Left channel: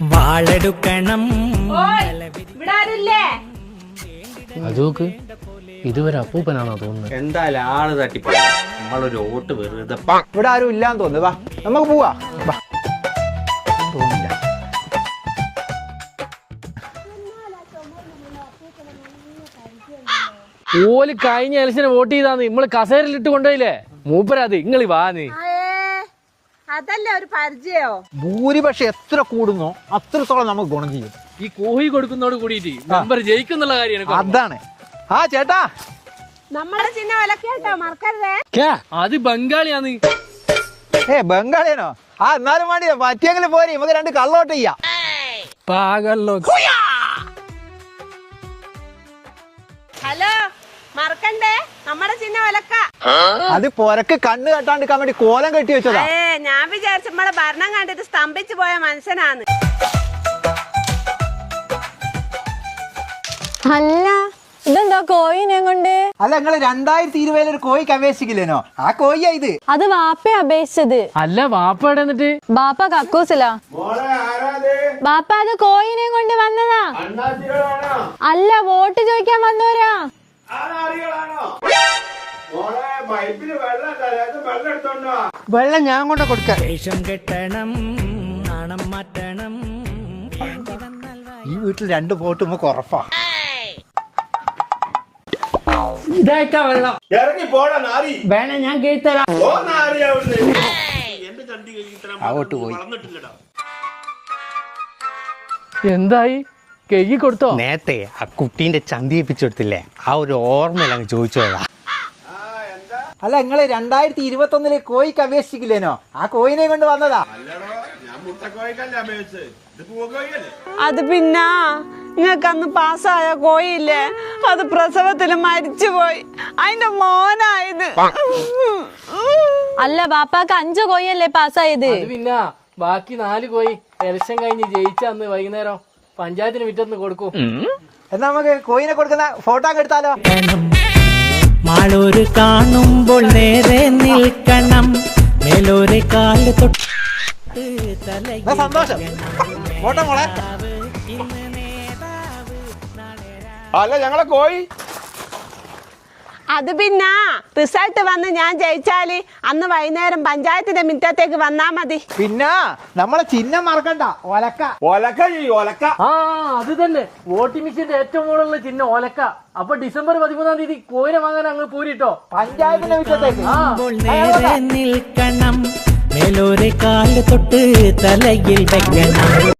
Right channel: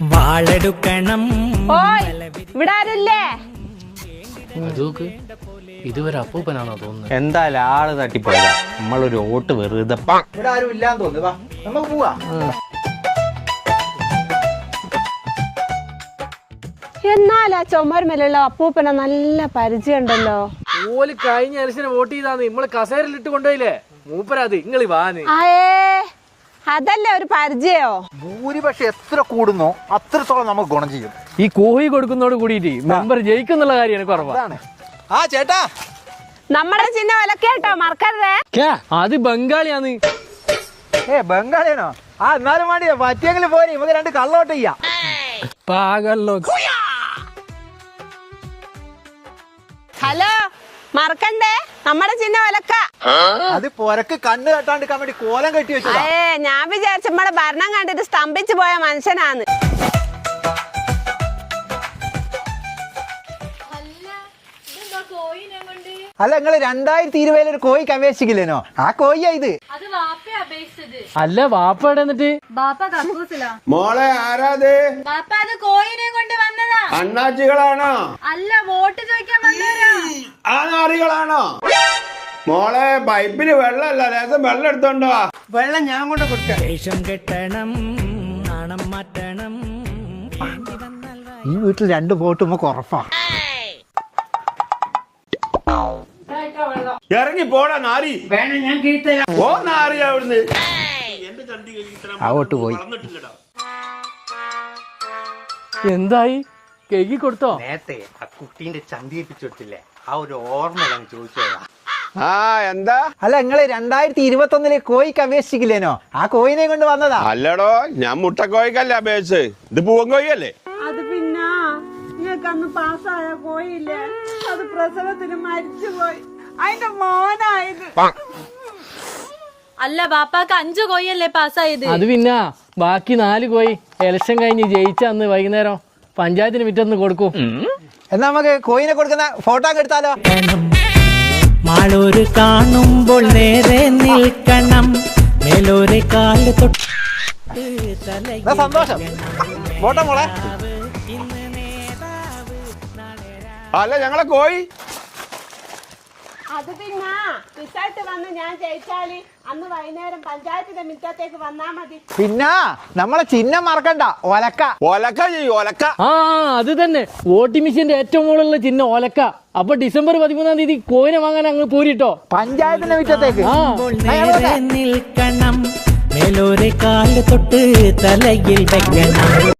വാളെടുക്കണം. ഇതുവരെ അപ്പൂപ്പനാണോ തോന്നുന്നത്? എന്തായാലും ആള് തട്ടിപ്പോയി. നമ്മളൊരു വോട്ട് വെറുതെ. ഇവിടെ ആരും ഇല്ലാന്ന് തോന്നുന്നു. വാ നമുക്ക് പോവാ. എന്നാലാ ചുമരുമേലുള്ള അപ്പൂപ്പനെ നല്ല പരിചയം ഉണ്ടല്ലോ. ഓല് കഴിഞ്ഞ ഇലക്ഷന് വോട്ട് ചെയ്താന്ന് നമ്മള് കസേരയിലിട്ട് കൊണ്ടുപോയില്ലേ മൂപ്പരാത്. ഇങ്ങളി വാന്ന് അതല്ലേ ഒരു പരിചയോ. ഭൂരിപക്ഷം എത്ര കൂടുന്നോ അത്രത്തോളം നമുക്ക് ഗുണം ചെയ്യും. ഈ കോഴി കൊടുക്കുന്നതോട് കൂടിയിട്ട് മെമ്പർ ജയിക്കുന്നുള്ള കാര്യമാണ്. അതാണ്. ആ ചേട്ടാ, നമ്മുടെ ചിഹ്ന വിലക്കേട്ടോ മറക്കരുതേ. അത് ബംഗാളിയാന്ന്. ബംഗാളിയാണോ? ആ എന്നാലും വേണ്ടിയോ പറ്റിയെങ്കിലും പോരെ, നമുക്ക് രണ്ട് കള്ളോട്ട് ചെയ്യാം. പാകല്ലോ. ഹലോ, മറക്കണ്ടേ നമ്മുടെ ചിഹ്ന വിലക്ക. അത് പൊരക്ക് കണ്ണ് കെട്ടാണ്ടിരിക്കാൻ വേണ്ടി കോലം കെട്ടി വെച്ചതാ. ഞാൻ വിചാരിച്ച നമ്മളെ ഭരണം കണ്ടിട്ട് സ്തംഭിച്ചു പോയ മനുഷ്യനാണ്. അല്ല ഇതെന്താ കോയിനെ കൊണ്ട്? അല്ല നിങ്ങള് 2020 ഒരു കോഴിക്ക് അപേക്ഷിക്കില്ലേനോ? ആ കോഴിയാ ഇത്. അത് വാപ്പ അപേക്ഷിച്ചത്. അല്ല വാപ്പ എവിടെ എന്നിട്ട്? ബാപ്പ കക്കൂസിലാ. മോളെ ആരാത്? ബാപ്പ അത് കോയിനെ കൊണ്ട് വന്നതാ. അണ്ണാച്ചികളാണോ? അല്ല വോട്ട് ചോദിക്കാൻ വന്നവരാ. ആ നാറികളാണോ? മോളെ പൈപ്പില് വെള്ളമല്ല, ലേശം വെള്ളം എടുത്തോണ്ടോ? വെള്ളം ഞാൻ കൊണ്ട് കൊടുക്കാം. വേഷം കെട്ടണം, നാണം മാറ്റണം. ഈ വീട്ടിൽ 2 വോട്ട് നമുക്ക് ഉറപ്പാ. ഇതായിട്ടാ വെള്ളം. ഇറങ്ങി പോടാ നാരി. വേണം, ഞാൻ കേട്ടരാം. ഓ നാരി അവിടുന്ന്. എന്റെ ചണ്ടി വളർന്നിട്ടില്ലടാ. എന്തായി കെയ്യി കൊടുത്തോ? നേരത്തെ ആ കുട്ടീന്റെ ചന്തിയേപ്പിച്ചെടുത്തില്ലേ, ആ ഒരു ഓർമ്മയിലാണ് ചോദിച്ചോളാം. ആ എന്താ? അല്ല നിങ്ങള് 2021 കോഴിക്ക് അപേക്ഷിക്കില്ലേനോ? ആ കോഴിനെ കൊണ്ട് വന്നതാ. അല്ലടോ, ഞാൻ മുട്ടക്കോഴിക്കല്ല അപേക്ഷിച്ച്. ഇത് പൂവൻ കോഴിയല്ലേ? അത് പിന്നെ നിങ്ങൾക്ക് അന്ന് പാസ്സായ കോയില്ലേ, അത് പ്രസവത്തിൽ മരിച്ചുപോയി. അതിന്റെ മോനായത്. അല്ല ബാപ്പാക്ക് 5 കോയല്ലേ പാസ്സായത്. അത് പിന്നെ ബാക്കി 4 കോയി ഇലക്ഷൻ കഴിഞ്ഞ് ജയിച്ച അന്ന് വൈകുന്നേരം പഞ്ചായത്തിന് വിറ്റൊന്ന് കൊടുക്കും. എന്നാ നമുക്ക് കോഴിനെ കൊടുക്കുന്ന ഫോട്ടോ ഒക്കെ എടുത്താലോ? മാളൂര് കാണുമ്പോൾ നേരെ നിൽക്കണം, മേലോരെ കാല് തൊട്ട് തലയിൽ സന്തോഷം. ഫോട്ടോ മോളെ. അല്ല ഞങ്ങളെ കോഴി. അത് പിന്നെ റിസൾട്ട് വന്ന് ഞാൻ ജയിച്ചാല് അന്ന് വൈകുന്നേരം പഞ്ചായത്തിന്റെ മുറ്റത്തേക്ക് വന്നാ മതി. പിന്നെ നമ്മളെ ചിഹ്നം മറക്കണ്ട, ഒലക്ക. ഒലക്ക ചെയ്യും, ഒലക്ക. ആ അത് തന്നെ വോട്ടിംഗ് മെഷീന്റെ ഏറ്റവും മുകളിലുള്ള ചിഹ്നം ഒലക്ക. അപ്പൊ ഡിസംബർ 13-ാം തീയതി കോയിനെ വാങ്ങാൻ അങ്ങ് പോരിട്ടോ പഞ്ചായത്തിന്റെ മുറ്റത്തേക്ക്. നേരെ നിൽക്കണം, മേലോരെ കാല് തൊട്ട് തലയിൽ വെക്കണം.